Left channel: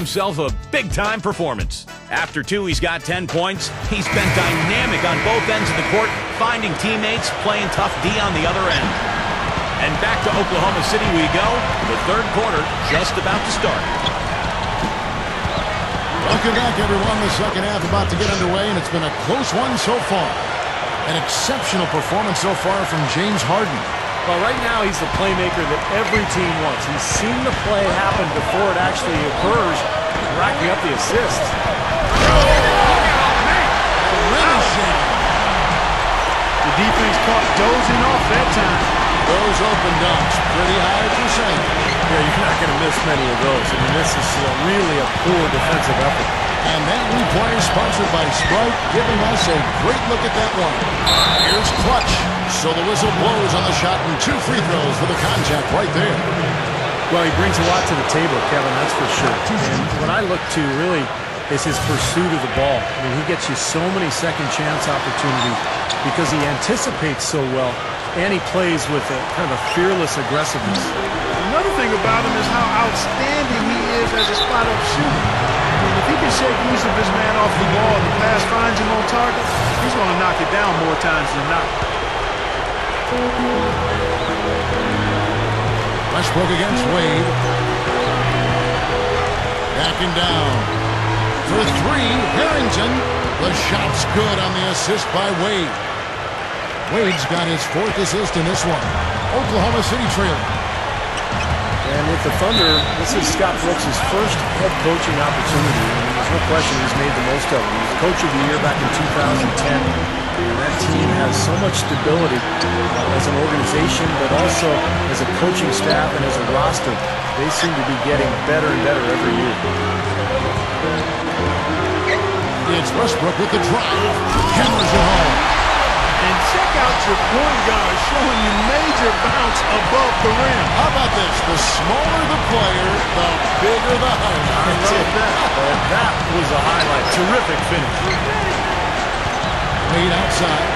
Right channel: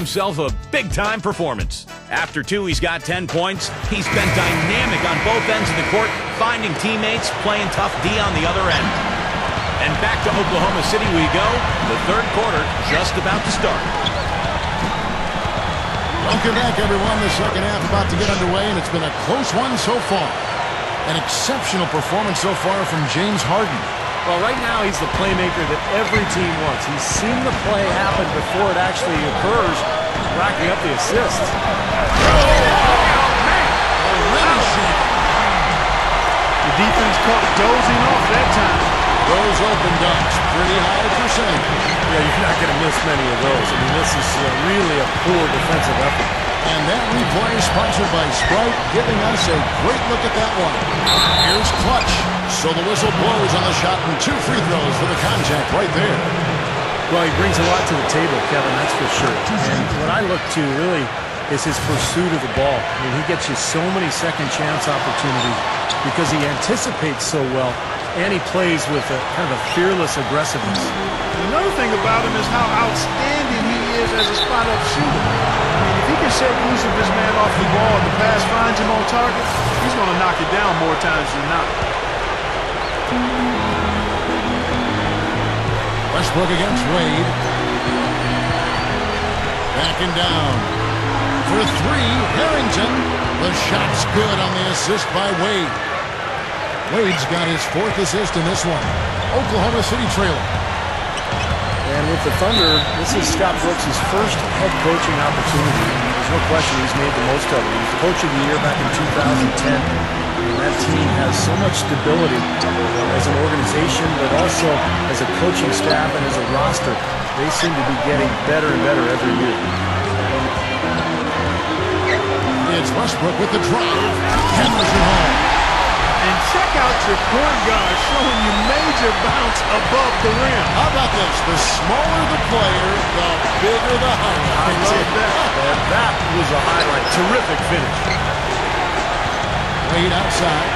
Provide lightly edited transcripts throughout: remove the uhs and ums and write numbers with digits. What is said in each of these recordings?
Himself a big-time performance. After two, he's got 10 points. He's been dynamic on both ends of the court, finding teammates, playing tough D on the other end. And back to Oklahoma City we go. The third quarter just about to start. Welcome back, everyone. The second half about to get underway, and it's been a close one so far. An exceptional performance so far from James Harden. Well, right now he's the playmaker that every team wants. He's seen the play happen before it actually occurs, racking up the assists. The defense caught dozing off that time. Those open dunks, pretty high percentage. Yeah, you're not going to miss many of those. I mean, this is really a poor defensive effort. And that replay is sponsored by Sprite, giving us a great look at that one. Here's Clutch. So the whistle blows on the shot, and 2 free throws for the contact right there. Well, he brings a lot to the table, Kevin, that's for sure. And what I look to really is his pursuit of the ball. I mean, he gets you so many second chance opportunities because he anticipates so well, and he plays with a kind of a fearless aggressiveness. And another thing about him is how outstanding he is as a spot-up shooter. I mean, if he can shake loose of his man off the ball and the pass finds him on target, he's going to knock it down more times than not. Westbrook against Wade. Backing down. For 3, Harrington. The shot's good on the assist by Wade. Wade's got his 4th assist in this one. Oklahoma City trailing. And with the Thunder, this is Scott Brooks' first head coaching opportunity. And there's no question he's made the most of it. He was Coach of the Year back in 2010. And that team has so much stability as an organization, but also as a coaching staff and as a roster. They seem to be getting better and better every year. It's Westbrook with the drive. Hammers it home. And check out your point guard showing you major bounce above the rim. How about this? The smaller the player, the bigger the highlight. I love that. And that was a highlight. Terrific finish. Wade outside.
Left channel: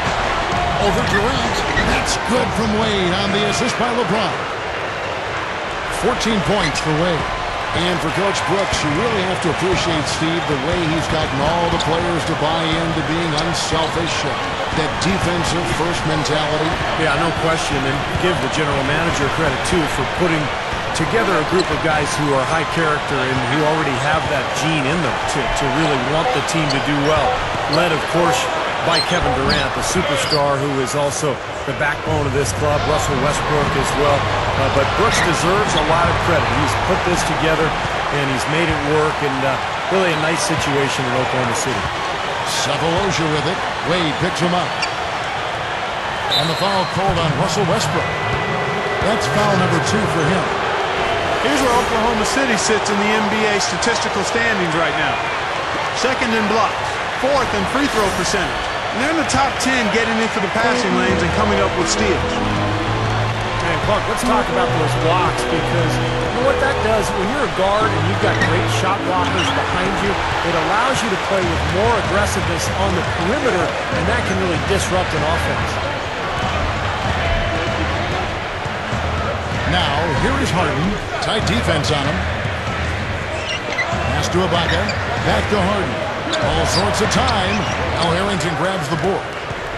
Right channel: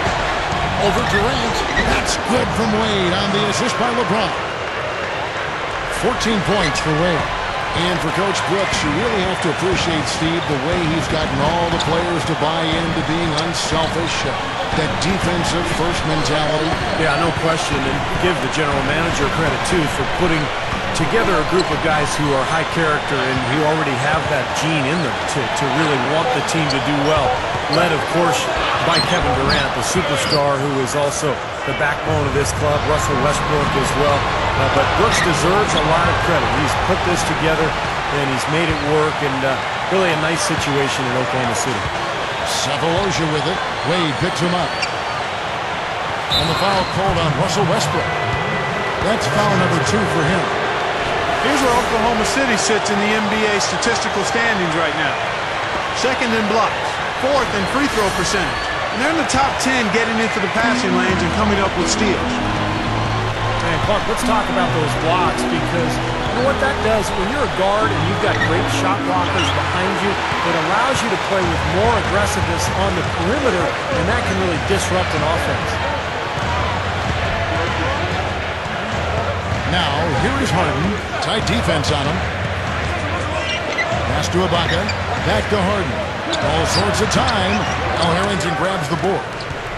Over Durant. That's good from Wade on the assist by LeBron. 14 points for Wade. And for Coach Brooks, you really have to appreciate, Steve, the way he's gotten all the players to buy into being unselfish, that defensive first mentality. Yeah, no question. And give the general manager credit, too, for putting together a group of guys who are high character and who already have that gene in them to really want the team to do well. Led, of course, by Kevin Durant, the superstar who is also the backbone of this club, Russell Westbrook as well. But Brooks deserves a lot of credit. He's put this together, and he's made it work, and really a nice situation in Oklahoma City. Sefolosha with it. Wade picks him up. And the foul called on Russell Westbrook. That's foul number 2 for him. Here's where Oklahoma City sits in the NBA statistical standings right now. 2nd in blocks, 4th in free throw percentage. And they're in the top 10 getting into the passing lanes and coming up with steals. And Clark, let's talk about those blocks, because you know what that does? When you're a guard and you've got great shot blockers behind you, it allows you to play with more aggressiveness on the perimeter, and that can really disrupt an offense. Now, here is Harden. Tight defense on him. Pass to Ibaka. Back to Harden. All sorts of time. Now Harrington grabs the board.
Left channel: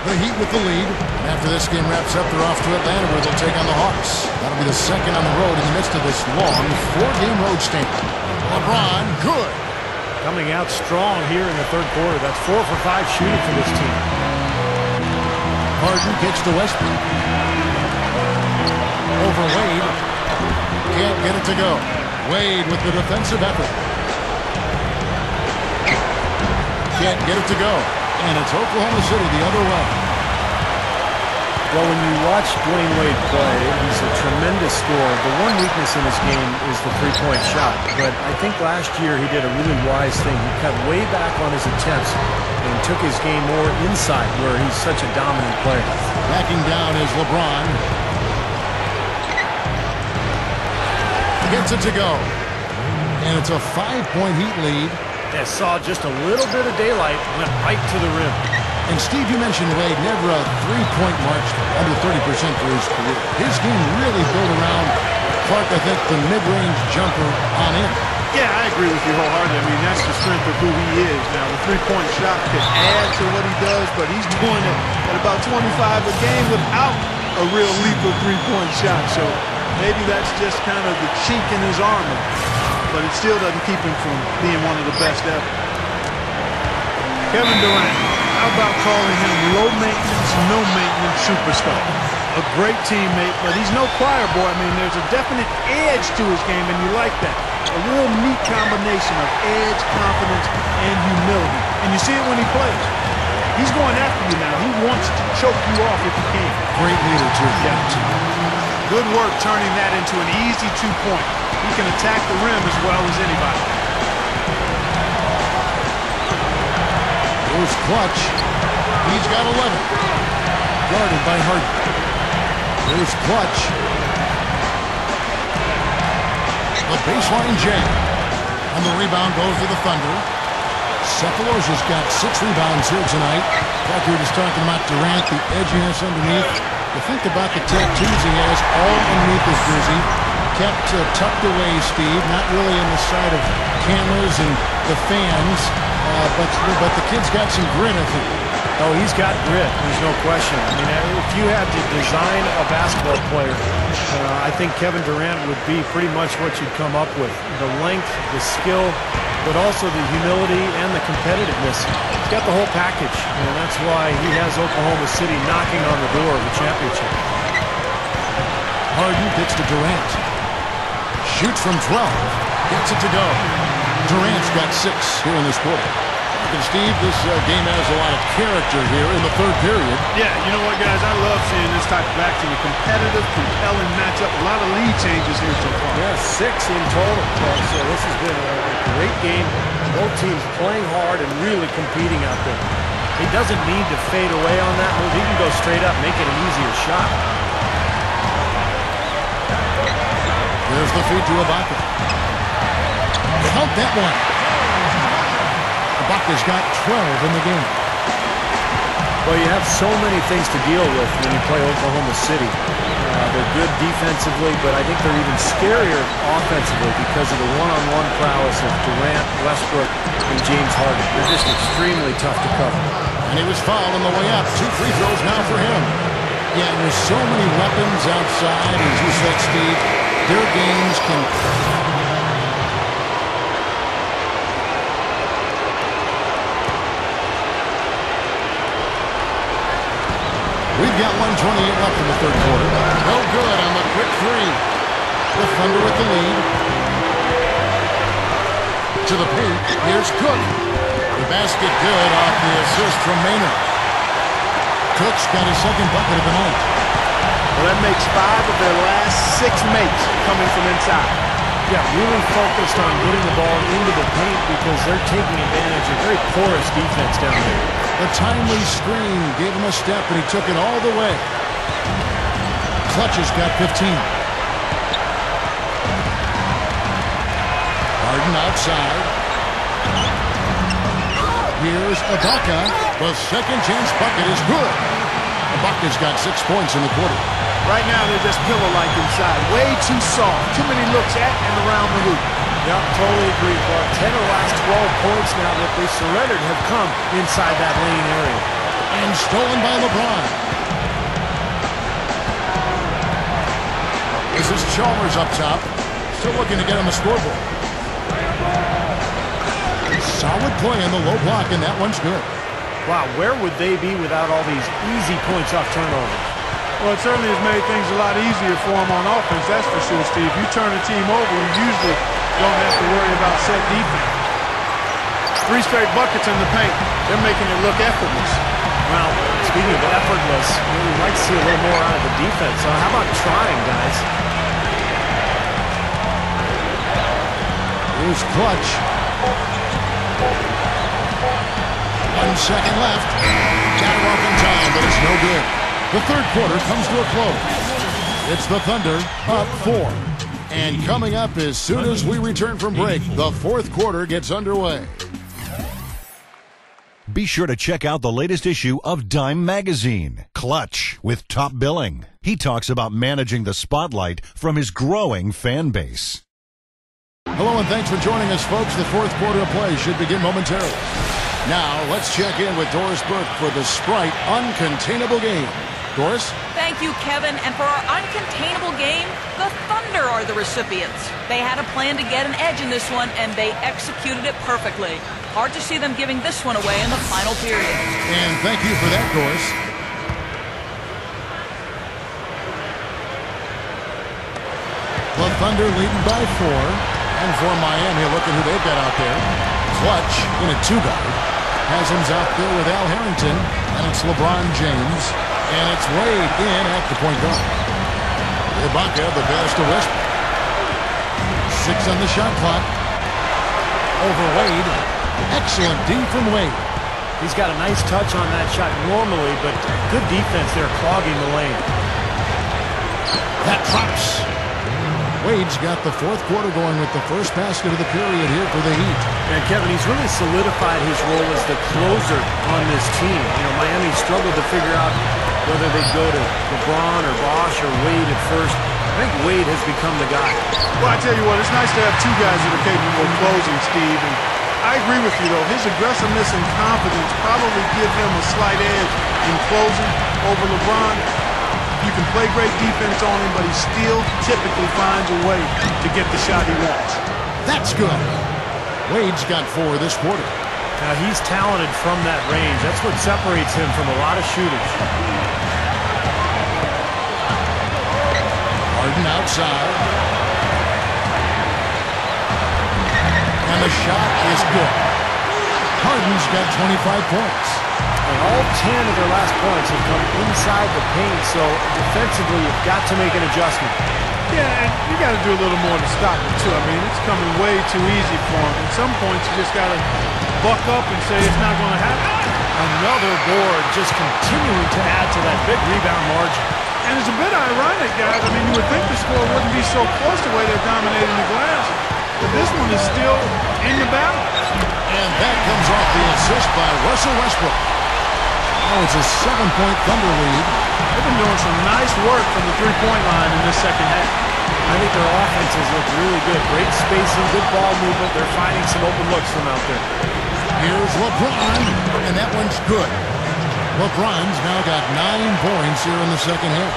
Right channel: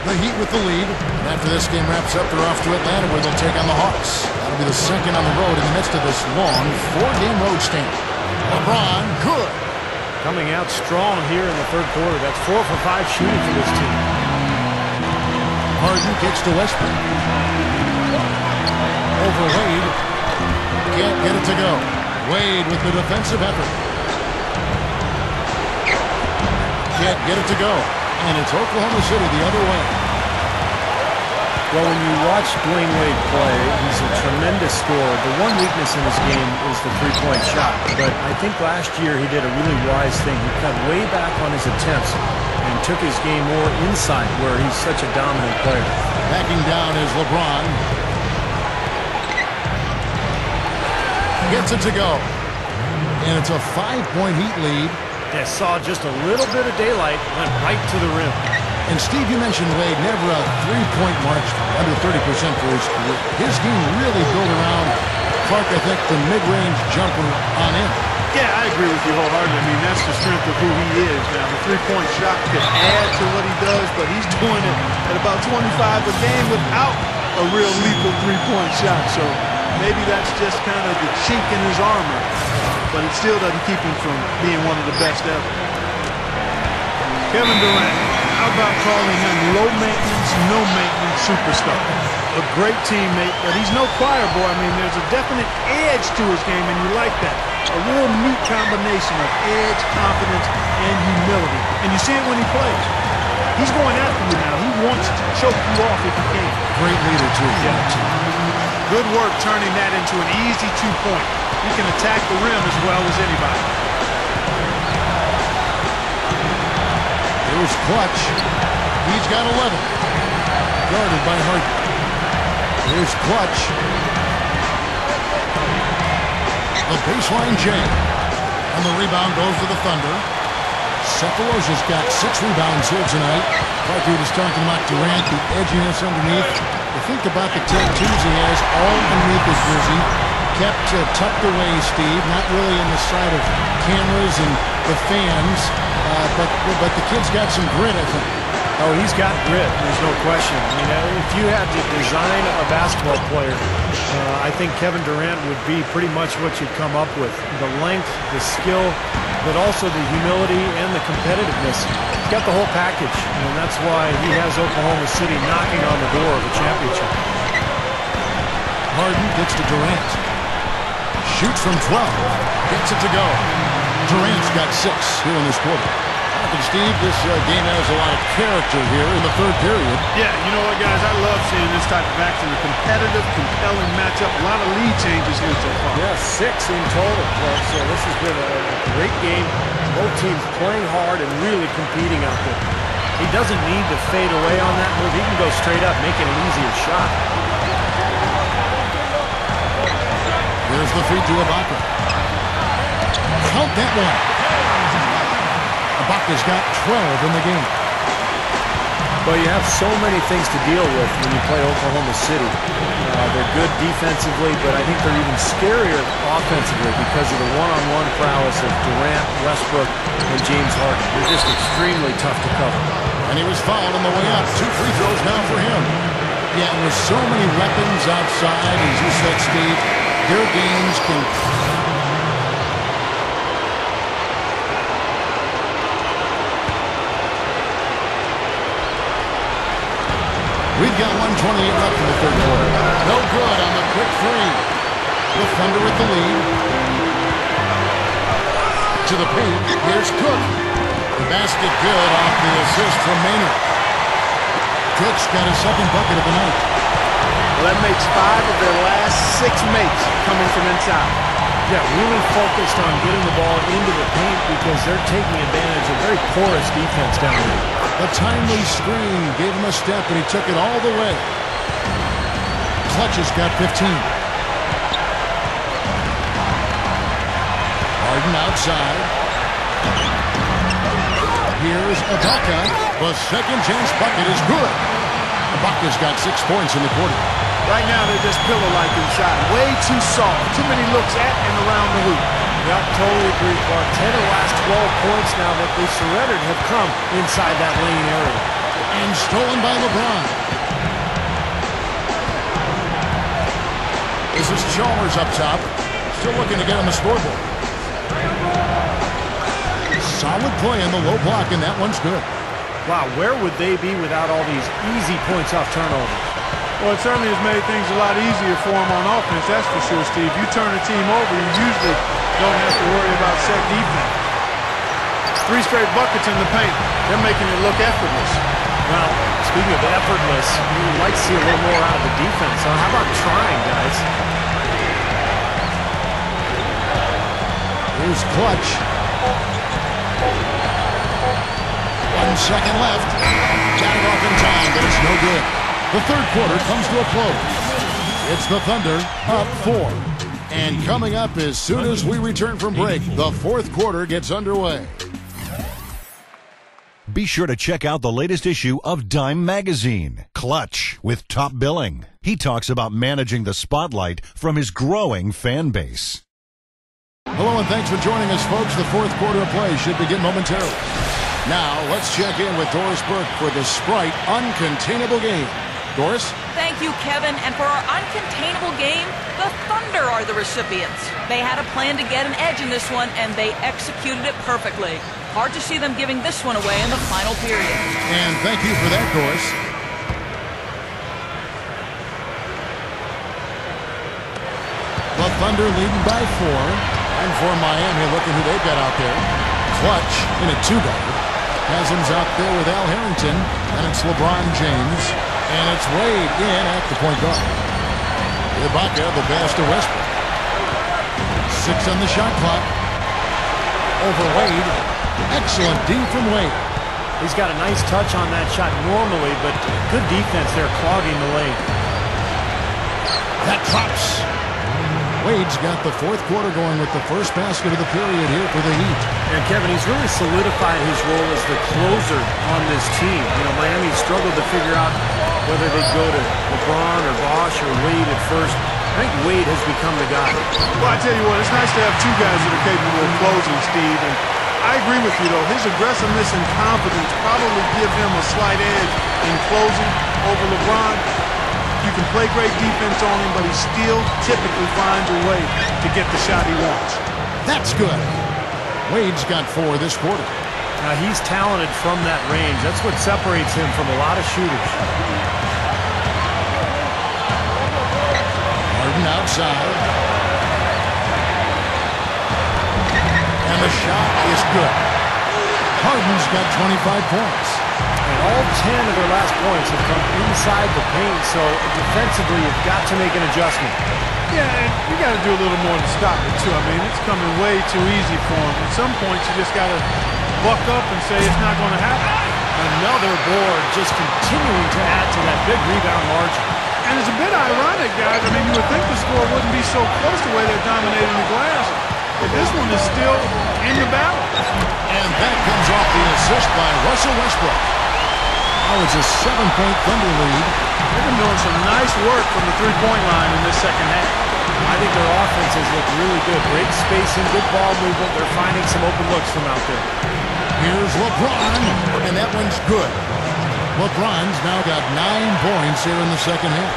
The Heat with the lead. And after this game wraps up, they're off to Atlanta, where they'll take on the Hawks. That'll be the second on the road in the midst of this long 4-game road stint. LeBron, good. Coming out strong here in the third quarter. That's 4 for 5 shooting for this team. Harden kicks to Westbrook. Over Wade. Can't get it to go. Wade with the defensive effort. Can't get it to go. And it's Oklahoma City the other way. Well, when you watch Dwayne Wade play, he's a tremendous scorer. The one weakness in his game is the three-point shot. But I think last year he did a really wise thing. He cut way back on his attempts and took his game more inside, where he's such a dominant player. Backing down is LeBron. Gets it to go. And it's a 5-point Heat lead. They saw just a little bit of daylight, went right to the rim. And Steve, you mentioned Wade, never a three-point mark under 30% for his career. His game really built around, Clark, I think, the mid-range jumper on in. Yeah, I agree with you wholeheartedly. I mean, that's the strength of who he is. Now, the three-point shot could add to what he does, but he's doing it at about 25 a game without a real lethal three-point shot. So maybe that's just kind of the chink in his armor, but it still doesn't keep him from being one of the best ever. Kevin Durant, how about calling him low-maintenance, no-maintenance superstar? A great teammate, but he's no choir boy. I mean, there's a definite edge to his game, and you like that. A real neat combination of edge, confidence, and humility. And you see it when he plays. He's going after you now. He wants to choke you off if he can. Great leader, too. Yeah. Good work turning that into an easy 2-point. He can attack the rim as well as anybody. Here's Clutch. He's got 11. Guarded by Harden. Here's Clutch. The baseline jam. And the rebound goes to the Thunder. Cephalosha's got 6 rebounds here tonight. Like you were just talking about Durant, the edginess underneath. You think about the tattoos he has all underneath his jersey. Kept tucked away, Steve. Not really in the sight of cameras and the fans. But the kid's got some grit, I think. Oh, he's got grit. There's no question. I mean, if you had to design a basketball player, I think Kevin Durant would be pretty much what you'd come up with. The length, the skill, but also the humility and the competitiveness. He's got the whole package, and that's why he has Oklahoma City knocking on the door of a championship. Harden gets to Durant. Shoots from 12. Gets it to go. Durant's got 6 here in this quarter. And Steve, this game has a lot of character here in the third period. Yeah, you know what, guys? I love seeing this type of action. A competitive, compelling matchup. A lot of lead changes here so far. Yeah, 6 in total, Clark. So this has been a great game. Both teams playing hard and really competing out there. He doesn't need to fade away on that move. He can go straight up, making an easier shot. There's the feed to Ibaka. Count that one. Ibaka's got 12 in the game. Well, you have so many things to deal with when you play Oklahoma City. They're good defensively, but I think they're even scarier offensively because of the one-on-one prowess of Durant, Westbrook, and James Harden. They're just extremely tough to cover. And he was fouled on the way up. 2 free throws now for him. Yeah, and with so many weapons outside, as you said, Steve, their games can... We've got 1:28 left in the third quarter. No good on the quick 3. The Thunder with the lead. To the paint. Here's Cook. The basket good off the assist from Maynard. Cook's got his second bucket of the night. Well, that makes 5 of their last 6 makes coming from inside. Yeah, really focused on getting the ball into the paint because they're taking advantage of very porous defense down there. The timely screen gave him a step, and he took it all the way. Clutch has got 15. Harden outside. Here's Ibaka. The second chance bucket is good. Ibaka's got 6 points in the quarter. Right now, they're just pillow-like inside. Way too soft. Too many looks at and around the hoop. Yep, totally agree, Clark. 10 of the last 12 points now that they surrendered have come inside that lane area. And stolen by LeBron. This is Chalmers up top. Still looking to get on the scoreboard. Solid play in the low block, and that one's good. Wow, where would they be without all these easy points off turnovers? Well, it certainly has made things a lot easier for them on offense, that's for sure, Steve. You turn a team over, you usually don't have to worry about set defense. 3 straight buckets in the paint. They're making it look effortless. Well, speaking of effortless, we'd like to see a little more out of the defense. So how about trying, guys? Here's Clutch. 1 second left. Got it off in time, but it's no good. The third quarter comes to a close. It's the Thunder up 4. And coming up as soon as we return from break, the fourth quarter gets underway. Be sure to check out the latest issue of Dime Magazine, Clutch, with Top Billing. He talks about managing the spotlight from his growing fan base. Hello and thanks for joining us, folks. The fourth quarter of play should begin momentarily. Now, let's check in with Doris Burke for the Sprite Uncontainable Game. Doris? Thank you, Kevin. And for our uncontainable game, the Thunder are the recipients. They had a plan to get an edge in this one, and they executed it perfectly. Hard to see them giving this one away in the final period. And thank you for that, Doris. The Thunder leading by 4. And for Miami, look at who they've got out there. Clutch in a 2-guard. Haslam's out there with Al Harrington. And it's LeBron James. And it's Wade in at the point guard. Ibaka, the best of Westbrook. 6 on the shot clock. Over Wade. Excellent D from Wade. He's got a nice touch on that shot normally, but good defense there clogging the lane. That drops. Wade's got the fourth quarter going with the first basket of the period here for the Heat. And Kevin, he's really solidified his role as the closer on this team. You know, Miami struggled to figure out whether they'd go to LeBron or Bosh or Wade at first. I think Wade has become the guy. Well, I tell you what, it's nice to have two guys that are capable of closing, Steve. And I agree with you, though. His aggressiveness and confidence probably give him a slight edge in closing over LeBron. You can play great defense on him, but he still typically finds a way to get the shot he wants. That's good. Wade's got 4 this quarter. Now, he's talented from that range. That's what separates him from a lot of shooters. Harden outside. And the shot is good. Harden's got 25 points. And all 10 of their last points have come inside the paint, so defensively you've got to make an adjustment. Yeah, and you got to do a little more to stop it, too. I mean, it's coming way too easy for him. At some points, you just got to buck up and say it's not going to happen. Another board just continuing to add to that big rebound margin. And it's a bit ironic, guys. I mean, you would think the score wouldn't be so close the way they're dominating the glass. But this one is still in the balance. And that comes off the assist by Russell Westbrook. Now it's a 7-point Thunder lead. They've been doing some nice work from the three-point line in this second half. I think their offenses look really good. Great spacing, good ball movement. They're finding some open looks from out there. Here's LeBron, and that one's good. LeBron's now got 9 points here in the second half.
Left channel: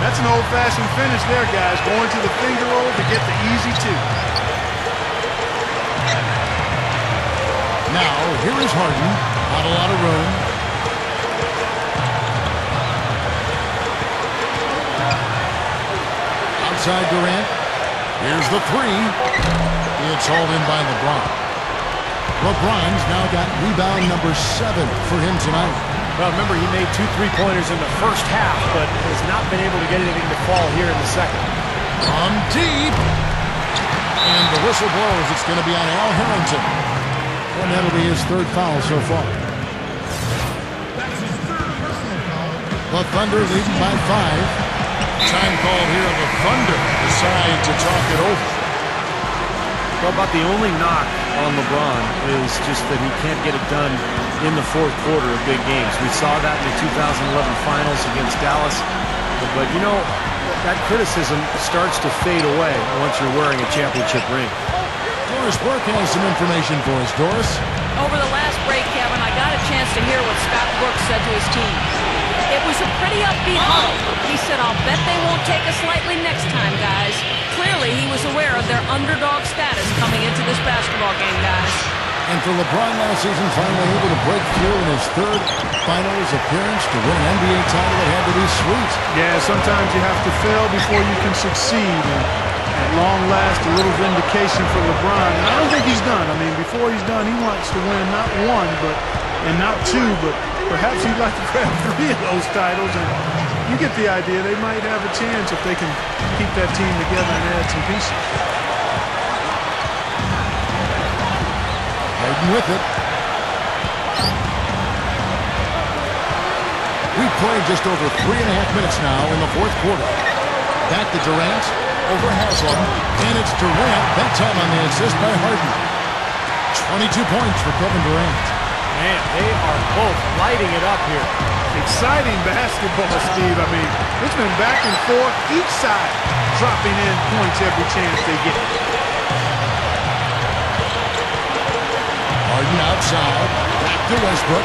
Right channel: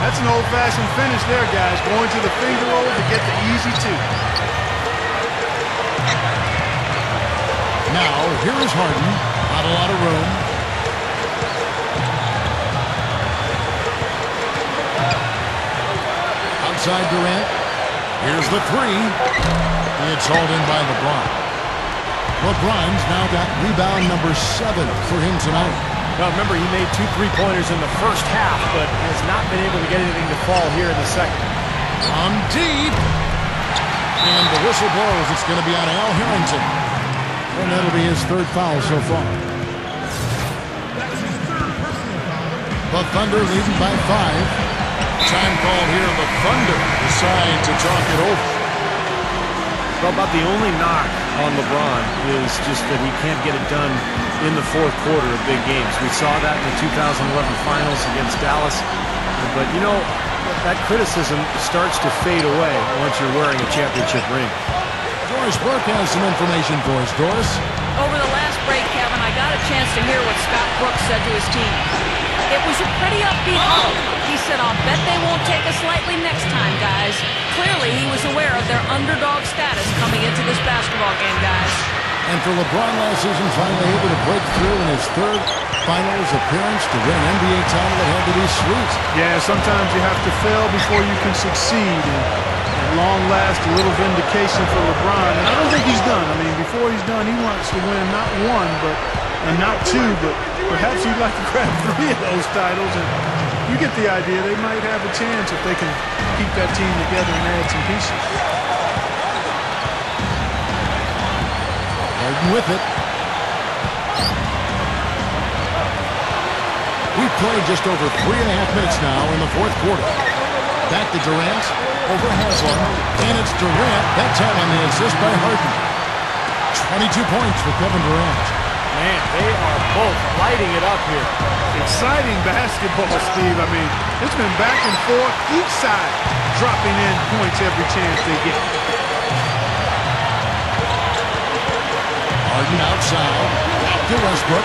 That's an old-fashioned finish there, guys. Going to the finger roll to get the easy 2. Now, here is Harden. Not a lot of room. Outside Durant. Here's the 3. It's hauled in by LeBron. LeBron's now got rebound number 7 for him tonight. Well, remember, he made 2 3-pointers in the first half, but has not been able to get anything to fall here in the second. From deep. And the whistle blows. It's going to be on Al Harrington. And that'll be his 3rd foul so far. That's his 3rd personal foul. The Thunder leading by 5. Time called here. The Thunder decide to talk it over. Well, about the only knock on LeBron is just that he can't get it done in the fourth quarter of big games. We saw that in the 2011 finals against Dallas. But, you know, that criticism starts to fade away once you're wearing a championship ring. Doris Burke has some information for us. Doris? Over the last break, Kevin, I got a chance to hear what Scott Brooks said to his team. It was a pretty upbeat huddle. He said, I'll bet they won't take us lightly next time, guys. Clearly, he was aware of their underdog status coming into this basketball game, guys. And for LeBron last season, finally able to break through in his 3rd finals appearance to win an NBA title, it had to be sweet. Yeah, sometimes you have to fail before you can succeed. And at long last, a little vindication for LeBron. And I don't think he's done. I mean, before he's done, he wants to win not 1, and not 2, but perhaps he'd like to grab 3 of those titles. And you get the idea. They might have a chance if they can keep that team together and add some pieces. Harden with it. We've played just over 3.5 minutes now in the fourth quarter. Back to Durant, over Haslam, and it's Durant, that time on the assist by Harden. 22 points for Kevin Durant. Man, they are both lighting it up here. Exciting basketball, Steve. I mean, it's been back and forth, each side dropping in points every chance they get. Harden outside. Back to Westbrook.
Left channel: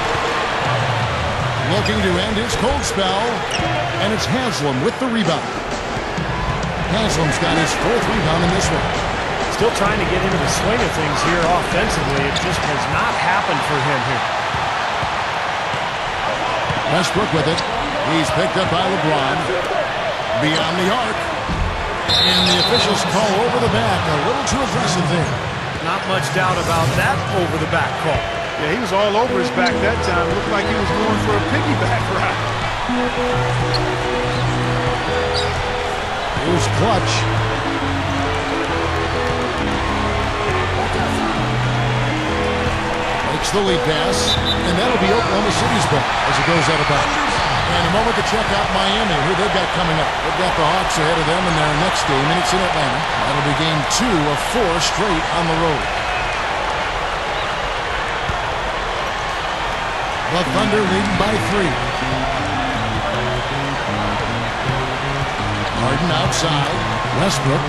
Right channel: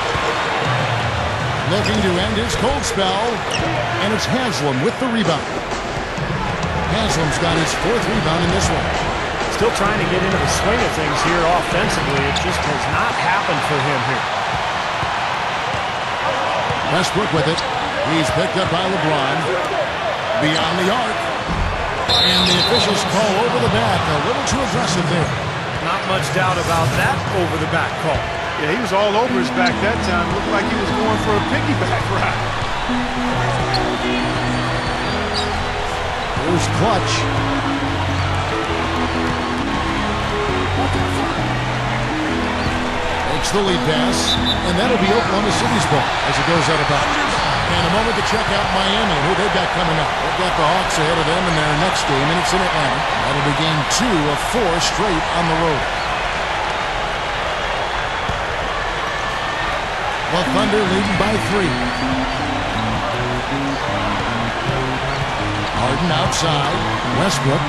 Looking to end his cold spell. And it's Haslam with the rebound. Haslam's got his 4th rebound in this one. Still trying to get into the swing of things here offensively. It just has not happened for him here. Westbrook with it. He's picked up by LeBron. Beyond the arc. And the officials call over the back. A little too aggressive there. Not much doubt about that over the back call. Yeah, he was all over his back that time. Looked like he was going for a piggyback ride. Here's Clutch. Makes the lead pass, and that'll be Oklahoma City's ball as it goes out of bounds. And a moment to check out Miami, who they've got coming up. They've got the Hawks ahead of them in their next game, and it's in Atlanta. That'll be game 2 of 4 straight on the road. The Thunder leading by 3. Harden outside. Westbrook.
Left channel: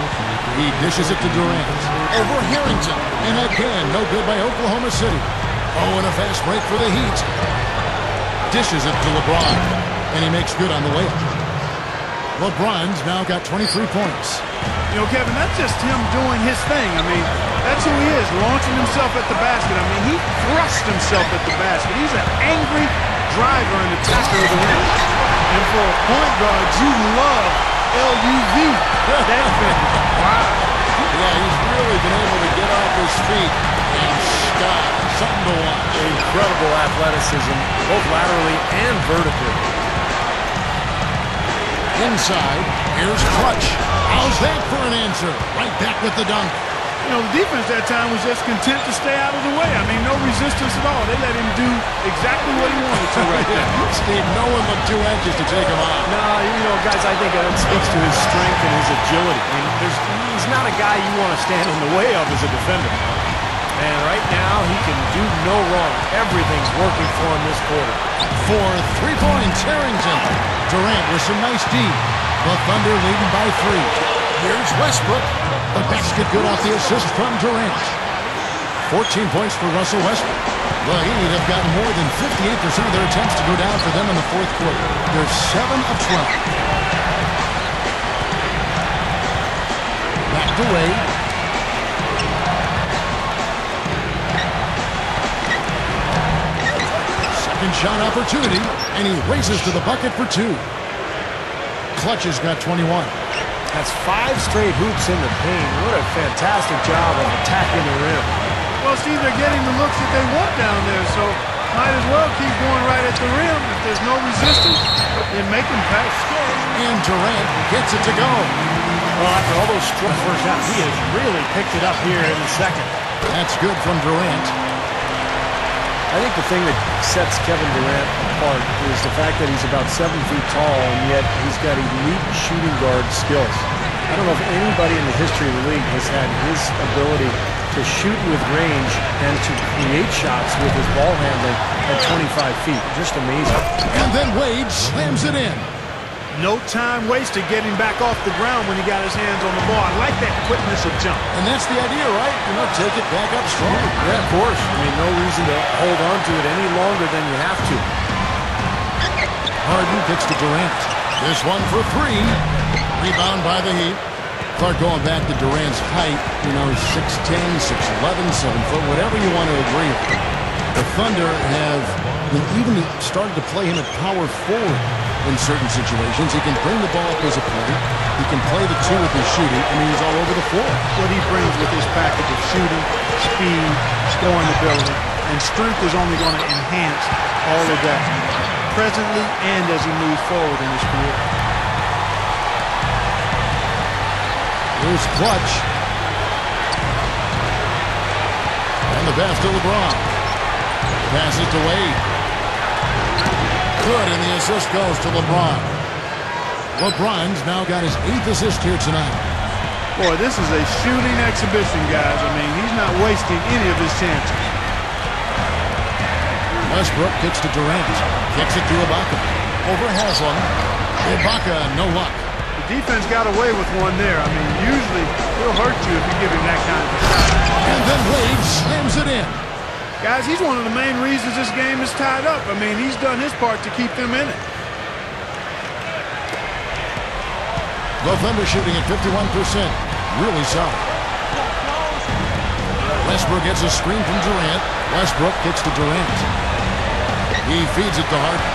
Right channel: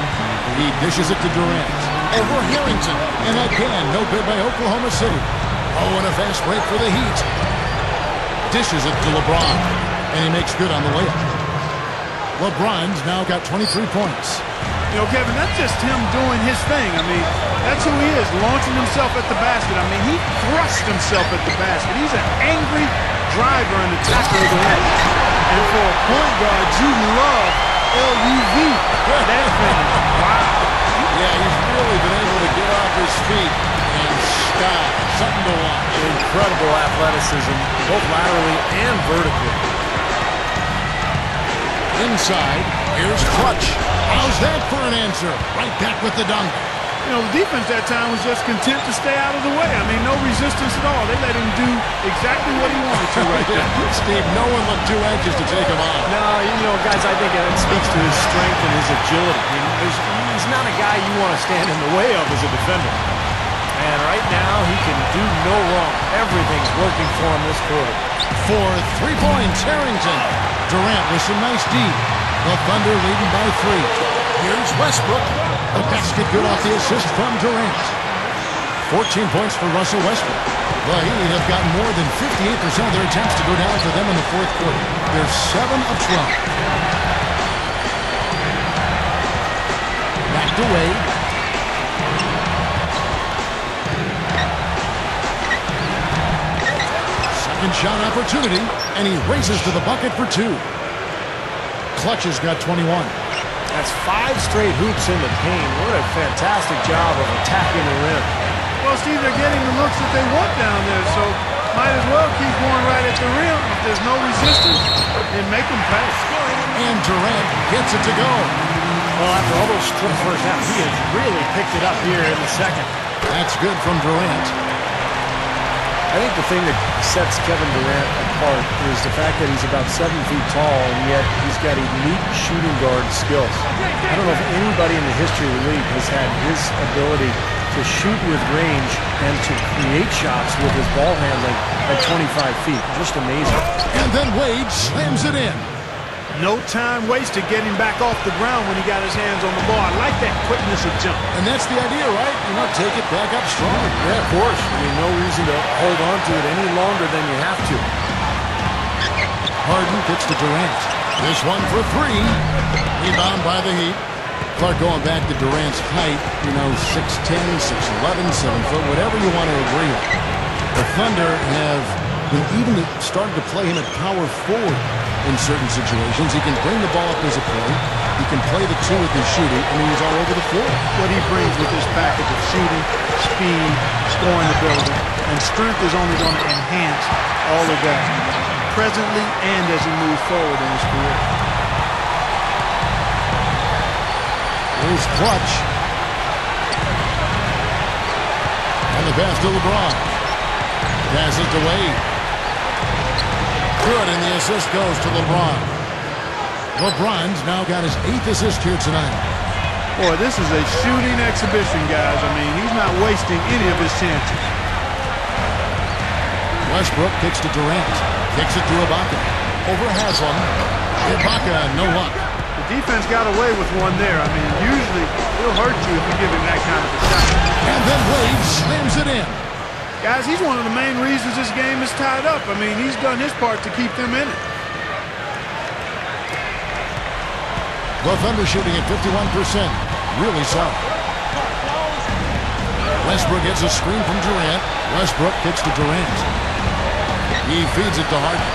He dishes it to Durant. Over Harrington. And again, no good by Oklahoma City. Oh, and a fast break for the Heat. Dishes it to LeBron. And he makes good on the layup. LeBron's now got 23 points. You know, Kevin, that's just him doing his thing. I mean, that's who he is, launching himself at the basket. I mean, he thrust himself at the basket. He's an angry driver and attacker of the rim. And for a point guard, you love LUV, that finish. Wow. Yeah, he's really been able to get off his feet and sky. Something to watch. Incredible athleticism, both laterally and vertically. Inside, here's Clutch. How's that for an answer? Right back with the dunk. You know, the defense that time was just content to stay out of the way. I mean, no resistance at all. They let him do exactly what he wanted to right there. Steve, no one looked too anxious to take him on. No, you know, guys, I think it speaks to his strength and his agility. I mean, he's not a guy you want to stand in the way of as a defender. And right now, he can do no wrong. Everything's working for him this quarter. For 3 points, Harrington. Durant with some nice D. The Thunder leading by 3. Here's Westbrook. The basket good off the assist from Durant. 14 points for Russell Westbrook. The Heat have gotten more than 58% of their attempts to go down for them in the 4th quarter. They're 7 of 12. Back to Wade. Second shot opportunity, and he races to the bucket for 2. Clutch has got 21. That's 5 straight hoops in the paint. What a fantastic job of attacking the rim. Well, Steve, they're getting the looks that they want down there, so might as well keep going right at the rim. If there's no resistance, then make them pay. And Durant gets it to go. Well, after all those struggles first half, he has really picked it up here in the second. That's good from Durant. I think the thing that sets Kevin Durant apart is the fact that he's about 7 feet tall, and yet he's got elite shooting guard skills. I don't know if anybody in the history of the league has had his ability to shoot with range and to create shots with his ball handling at 25 feet. Just amazing. And then Wade slams it in. No time wasted getting back off the ground when he got his hands on the ball. I like that quickness of jump. And that's the idea, right? You know, take it back up strong. Yeah, of course. I mean, no reason to hold on to it any longer than you have to. Harden gets to Durant. This one for 3. Rebound by the Heat. Clark going back to Durant's height, you know, 6'10", 6'11", 7 foot, whatever you want to agree on. The Thunder have, you know, even started to play him at power forward in certain situations. He can bring the ball up as a point. He can play the 2 with his shooting. I mean, he's all over the floor. What he brings with his package of shooting, speed, scoring ability, and strength is only going to enhance all of that presently and as he moves forward in his career. Here's Clutch. And the pass to LeBron. Passes to Wade. Good, and the assist goes to LeBron. LeBron's now got his 8th assist here tonight. Boy, this is a shooting exhibition, guys. I mean, he's not wasting any of his chances. Westbrook kicks to Durant. Kicks it to Ibaka. Over Haslam. Ibaka, no luck. The defense got away with one there. I mean, usually he'll hurt you if you give him that kind of a shot. And then Wade slams it in. Guys, he's one of the main reasons this game is tied up. I mean, he's done his part to keep them in it. The Thunder shooting at 51%. Really solid. Westbrook gets a screen from Durant. Westbrook kicks to Durant. He feeds it to Harden.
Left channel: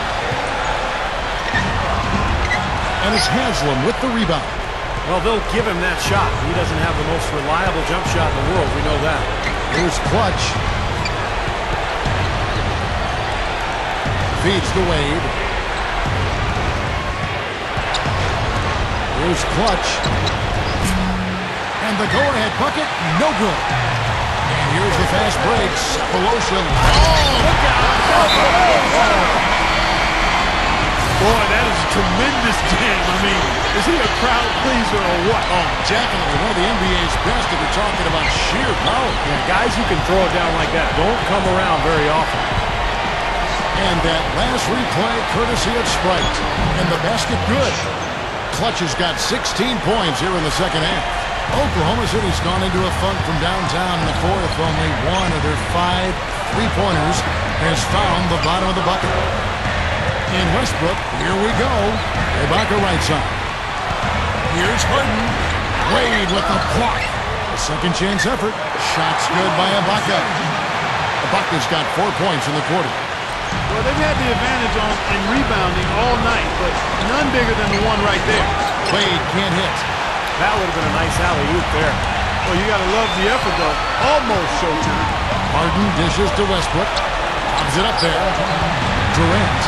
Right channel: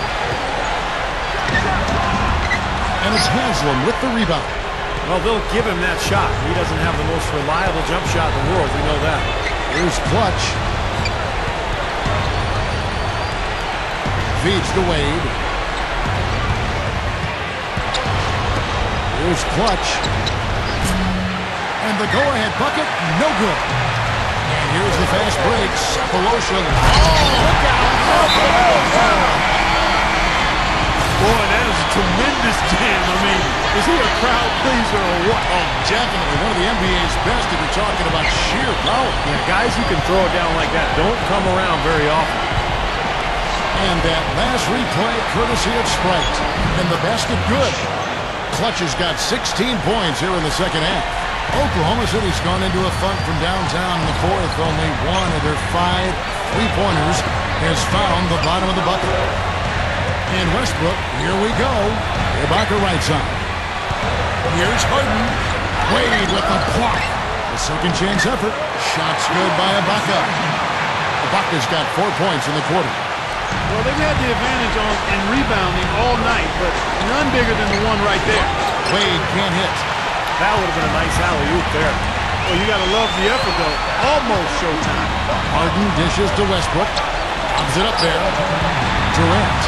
And it's Haslam with the rebound. Well, they'll give him that shot. He doesn't have the most reliable jump shot in the world. We know that. Here's Clutch. Feeds to Wade. Here's Clutch. And the go-ahead bucket, no good. And here's the fast break. Sapolosha. Oh, look out. Boy, that is a tremendous jam. I mean, is he a crowd pleaser or what? Oh, definitely. One of the NBA's best if you're talking about sheer power. Yeah, guys who can throw it down like that don't come around very often. And that last replay courtesy of Sprite. And the basket good. Clutch has got 16 points here in the second half. Oklahoma City's gone into a funk from downtown in the fourth. Only one of their 5 3-pointers has found the bottom of the bucket. And Westbrook, here we go. Ibaka right side. Here's Harden. Wade with the block. A second chance effort. Shots good by Ibaka. Ibaka's got 4 points in the quarter. Well, they've had the advantage in rebounding all night, but none bigger than the one right there. Wade can't hit. That would have been a nice alley-oop there. Well, you got to love the effort, though. Almost showtime. Harden dishes to Westbrook. Lobs it up there. Durant.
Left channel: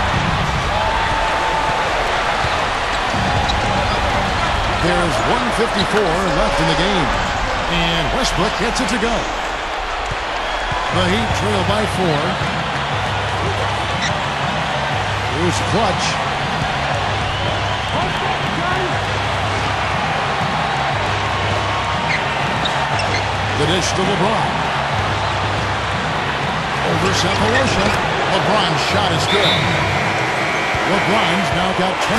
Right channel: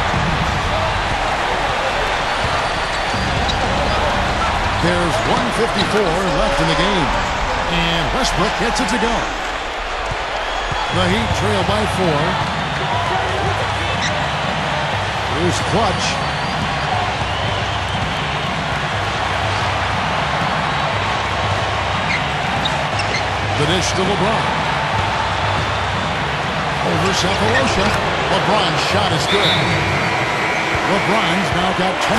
There's 1:54 left in the game. And Westbrook gets it to go. The Heat trail by 4. Here's Clutch. The dish to LeBron. Over Sapolosha. LeBron's shot is good. LeBron's now got 27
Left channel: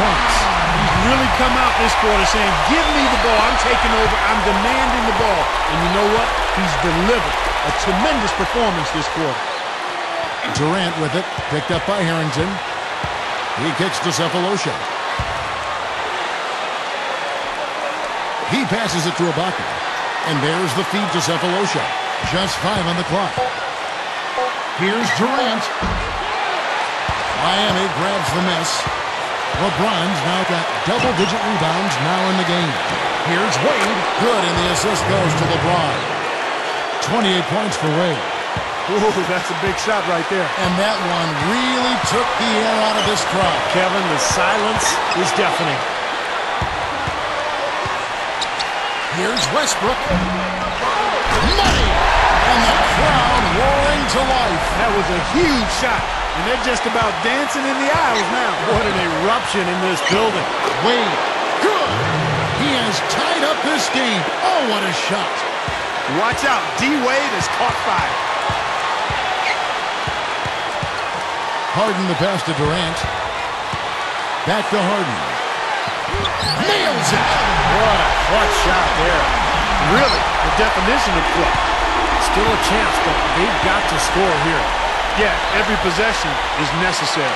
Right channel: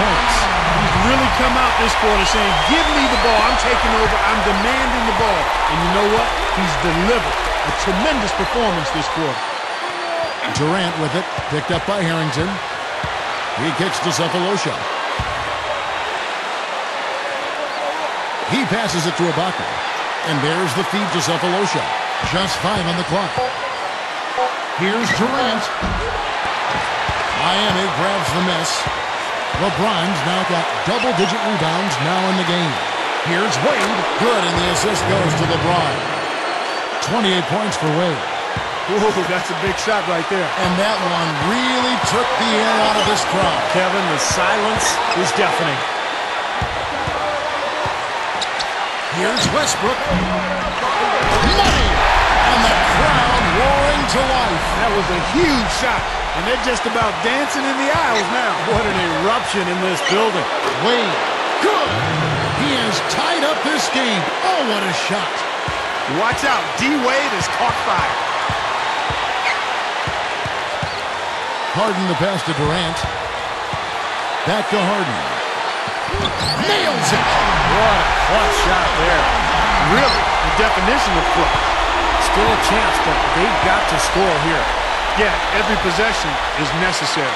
points. He's really come out this quarter saying, give me the ball. I'm taking over. I'm demanding the ball. And you know what? He's delivered a tremendous performance this quarter. Durant with it. Picked up by Harrington. He kicks to Sapolosha. He passes it to Ibaka. And there's the feed to Sapolosha. Just 5 on the clock. Here's Durant. Miami grabs the miss. LeBron's now got double-digit rebounds now in the game. Here's Wade. Good, and the assist goes to LeBron. 28 points for Wade. Whoa, that's a big shot right there. And that one really took the air out of this crowd. Kevin, the silence is deafening. Here's Westbrook. Money! And the crowd roaring to life. That was a huge shot. And they're just about dancing in the aisles now. What an eruption in this building. Wade. Good. He has tied up this game. Oh, what a shot. Watch out. D-Wade has caught fire. Harden the pass to Durant. Back to Harden. Nails it. What a clutch shot there. Really, the definition of clutch. Still a chance, but they've got to score here. Yeah, every possession is necessary.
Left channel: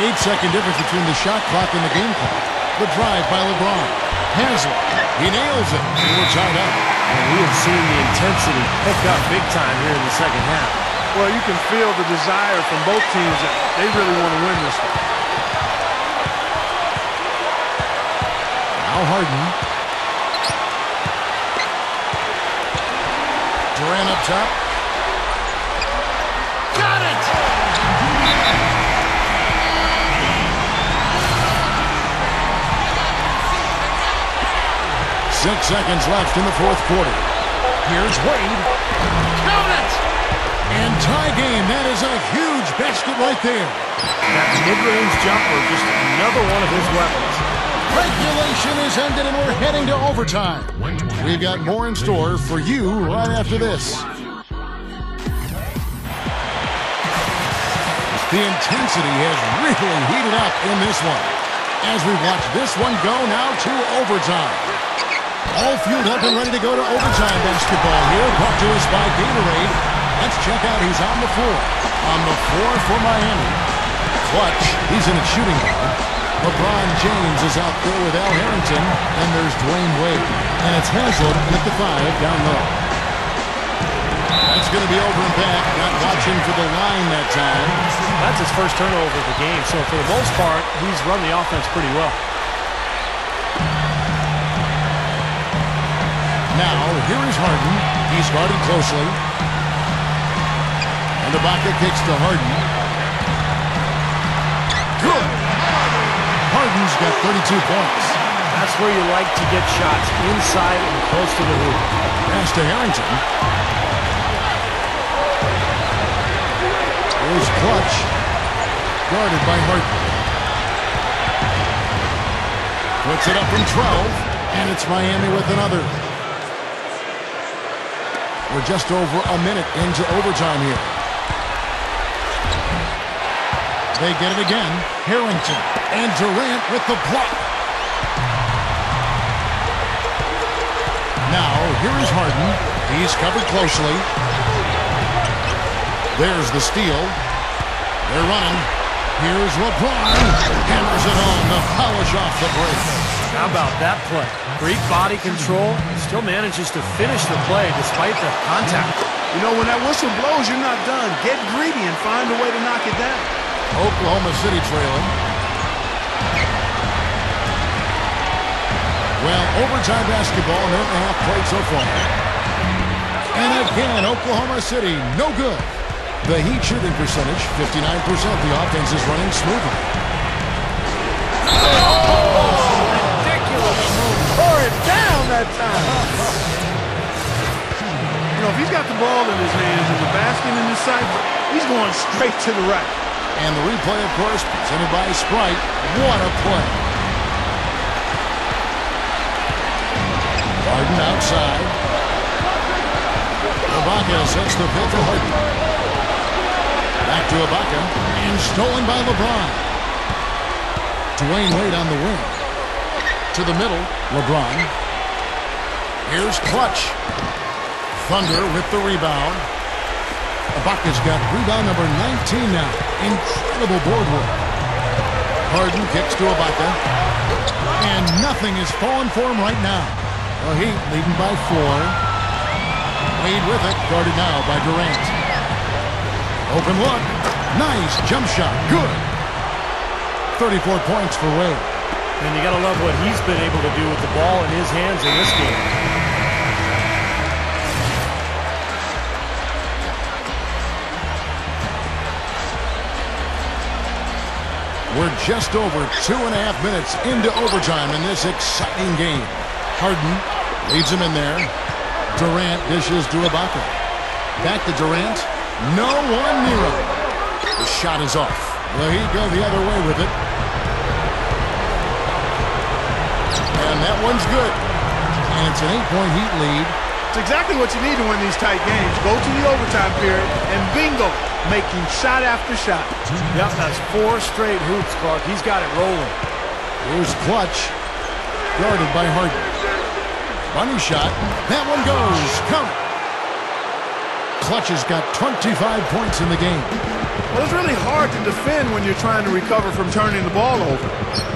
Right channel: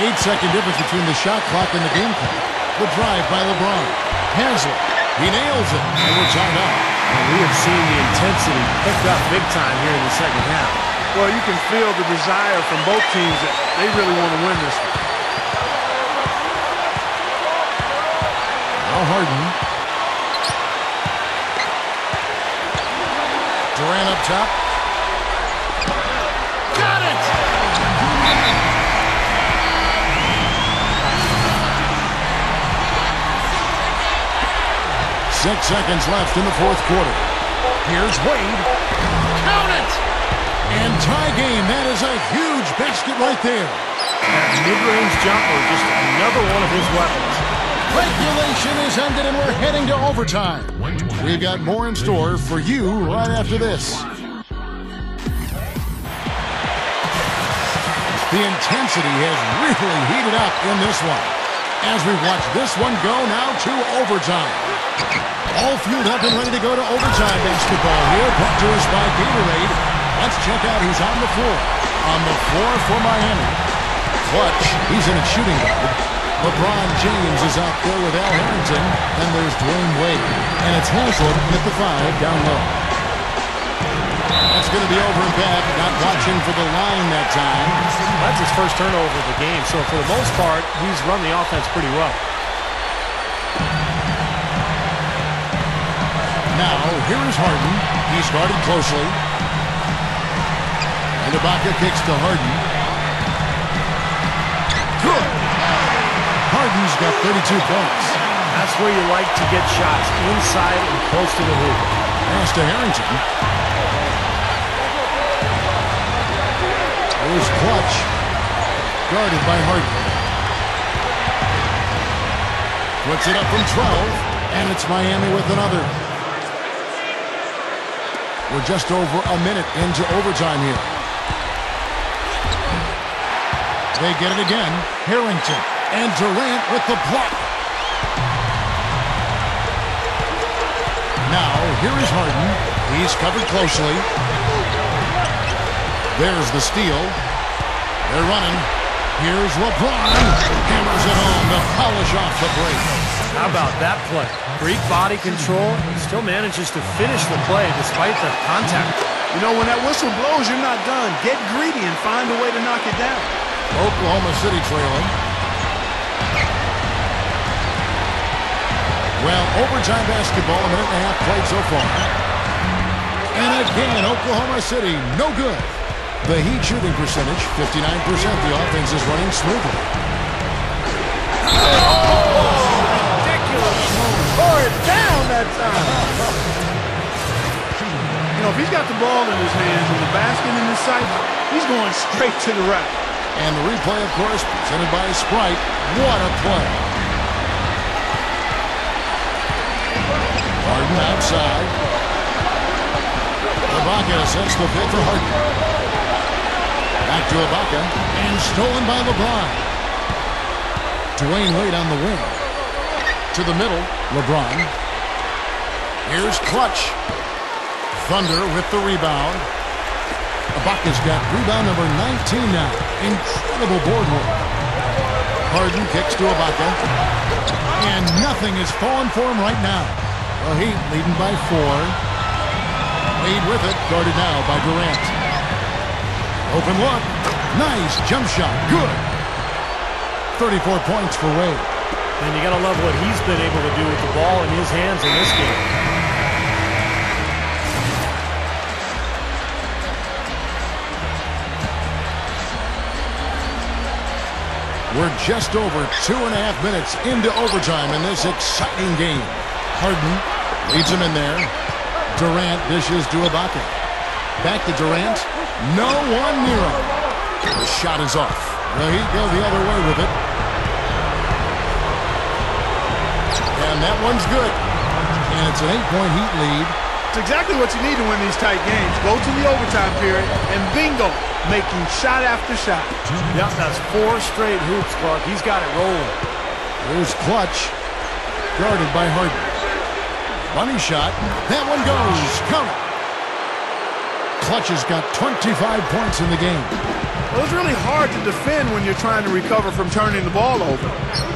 8-second difference between the shot clock and the game clock. The drive by LeBron. Haslam. He nails it. And we're tied up. And we have seen the intensity pick up big time here in the second half. Well, you can feel the desire from both teams that they really want to win this one. Now Harden. Durant up top. Got it! 6 seconds left in the fourth quarter. Here's Wade. Count it! And tie game. That is a huge basket right there. That mid-range jumper, just another one of his weapons. Regulation is ended and we're heading to overtime. We've got more in store for you right after this. The intensity has really heated up in this one. As we watch this one go now to overtime. All fueled up and ready to go to overtime basketball here. Brought to us by Gatorade. Let's check out who's on the floor. On the floor for Miami. Clutch. He's in at shooting guard. LeBron James is out there with Al Harrington. Then there's Dwayne Wade. And it's Haslam in at the 5 down low. That's going to be over and back. Not watching for the line that time. That's his first turnover of the game. So for the most part, he's run the offense pretty well. Now, here is Harden. He's guarded closely. And Ibaka kicks to Harden. Good. Harden's got 32 points. That's where you like to get shots, inside and close to the hoop. Pass to Harrington. Here's Clutch. Guarded by Harden. Puts it up from 12. And it's Miami with another. We're just over a minute into overtime here. They get it again. Harrington and Durant with the block. Now, here is Harden. He's covered closely. There's the steal. They're running. Here's LeBron. Hammers it home to polish off the break. How about that play? Great body control. Still manages to finish the play despite the contact. You know, when that whistle blows, you're not done. Get greedy and find a way to knock it down. Oklahoma City trailing. Well, overtime basketball, a minute and a half played so far. And again, Oklahoma City, no good. The Heat shooting percentage, 59%. The offense is running smoothly. Ridiculous move. Tore it down that time. You know, if he's got the ball in his hands and the basket in his sight, he's going straight to the right. And the replay, of course, presented by Sprite. What a play. Harden outside. Ibaka sets the pick for Harden. Back to Ibaka. And stolen by LeBron. Dwayne Wade on the wing. To the middle, LeBron. Here's Clutch. Thunder with the rebound. Ibaka's got rebound number 19 now. Incredible board work. Harden kicks to Ibaka. And nothing is falling for him right now. The Heat leading by 4. Wade with it. Guarded now by Durant. Open look. Nice jump shot. Good. 34 points for Wade. And you got to love what he's been able to do with the ball in his hands in this game. We're just over 2.5 minutes into overtime in this exciting game. Harden leads him in there. Durant dishes to Ibaka. Back to Durant. No one near him. The shot is off. The Heat go the other way with it. And that one's good. And it's an 8-point Heat lead. It's exactly what you need to win these tight games. Go to the overtime period and bingo, making shot after shot. Yep, that's 4 straight hoops, Clark. He's got it rolling. Here's Clutch. Guarded by Harden. Bunny shot. That one goes. Count it. Clutch has got 25 points in the game. Well, it's really hard to defend when you're trying to recover from turning the ball over.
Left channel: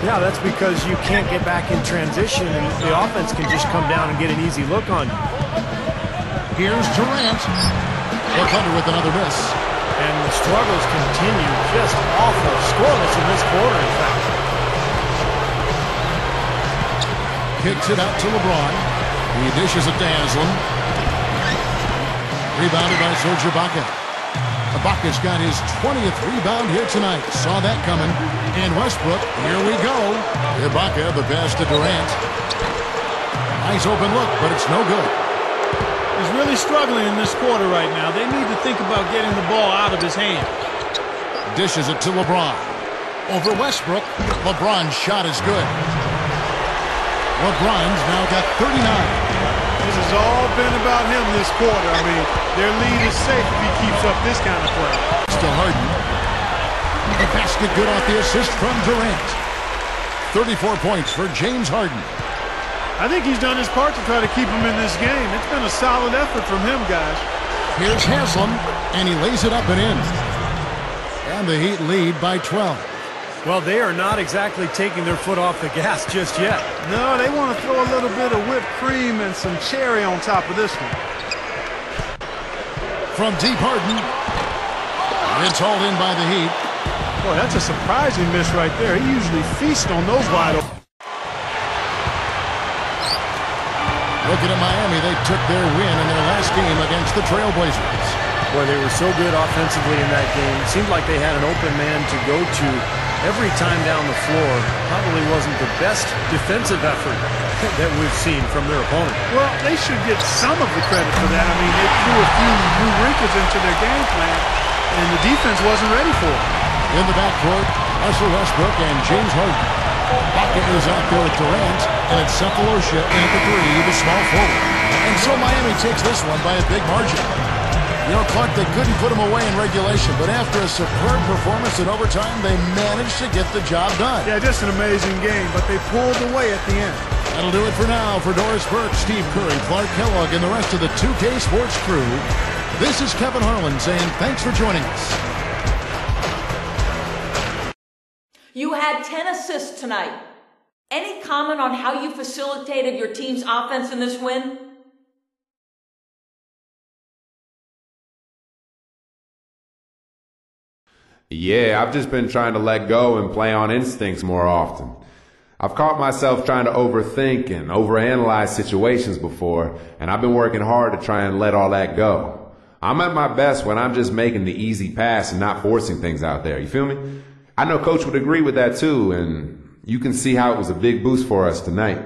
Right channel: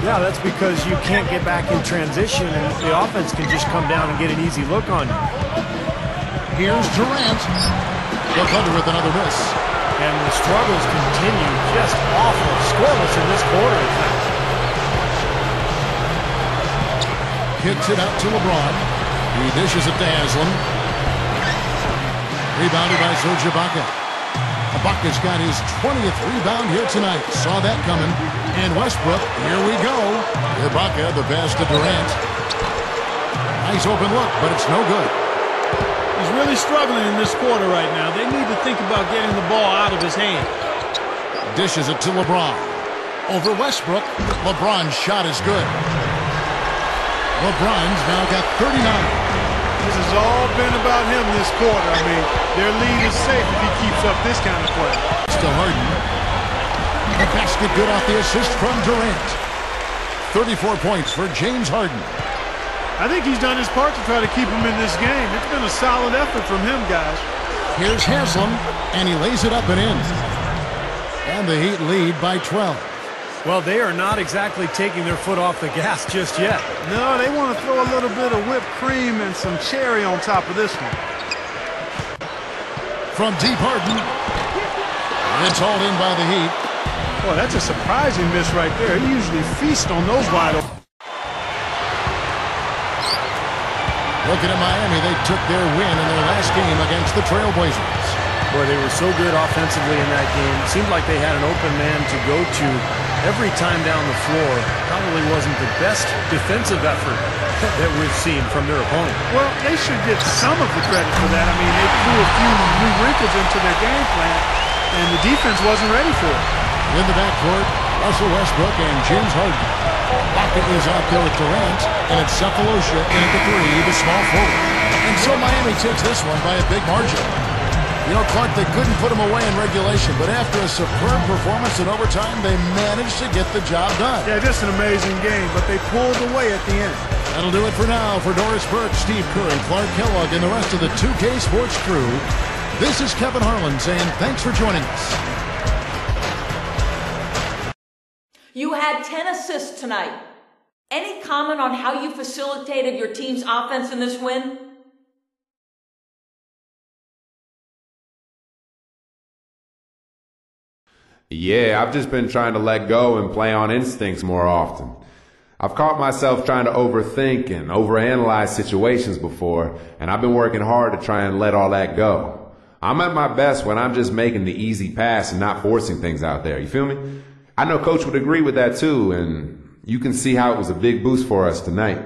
Yeah, that's because you can't get back in transition and the offense can just come down and get an easy look on you. Here's Durant. The Thunder with another miss. And the struggles continue. Just awful. Scoreless in this quarter, in fact. Kicks it out to LeBron. He dishes it to Haslam. Rebounded by Serge Ibaka. Ibaka's got his 20th rebound here tonight. Saw that coming. And Westbrook, here we go. Ibaka, the pass to Durant. Nice open look, but it's no good. He's really struggling in this quarter right now. They need to think about getting the ball out of his hand. Dishes it to LeBron. Over Westbrook. LeBron's shot is good. LeBron's now got 39. This has all been about him this quarter. I mean, their lead is safe if he keeps up this kind of play. Still Harden. The basket good off the assist from Durant. 34 points for James Harden. I think he's done his part to try to keep him in this game. It's been a solid effort from him, guys. Here's Haslam, and he lays it up and in. And the Heat lead by 12. Well, they are not exactly taking their foot off the gas just yet. No, they want to throw a little bit of whipped cream and some cherry on top of this one. From deep, Harden. It's hauled in by the Heat. Boy, that's a surprising miss right there. He usually feasts on those wide open. Looking at Miami, they took their win in their last game against the Trailblazers. Boy, they were so good offensively in that game. It seemed like they had an open man to go to every time down the floor. Probably wasn't the best defensive effort that we've seen from their opponent. Well, they should get some of the credit for that. I mean, they threw a few new wrinkles into their game plan, and the defense wasn't ready for it. In the backcourt, Russell Westbrook and James Harden. Rocket is out there with Durant, and it's Cephalosha in at the three, the small forward. And so Miami takes this one by a big margin. You know, Clark, they couldn't put him away in regulation, but after a superb performance in overtime, they managed to get the job done. Yeah, just an amazing game, but they pulled away at the end. That'll do it for now. For Doris Burke, Steve Curry, Clark Kellogg, and the rest of the 2K Sports crew, this is Kevin Harlan saying thanks for joining us. You had 10 assists tonight. Any comment on how you facilitated your team's offense in this win? Yeah, I've just been trying to let go and play on instincts more often. I've caught myself trying to overthink and overanalyze situations before, and I've been working hard to try and let all that go. I'm at my best when I'm just making the easy pass and not forcing things out there. You feel me? I know Coach would agree with that too, and you can see how it was a big boost for us tonight.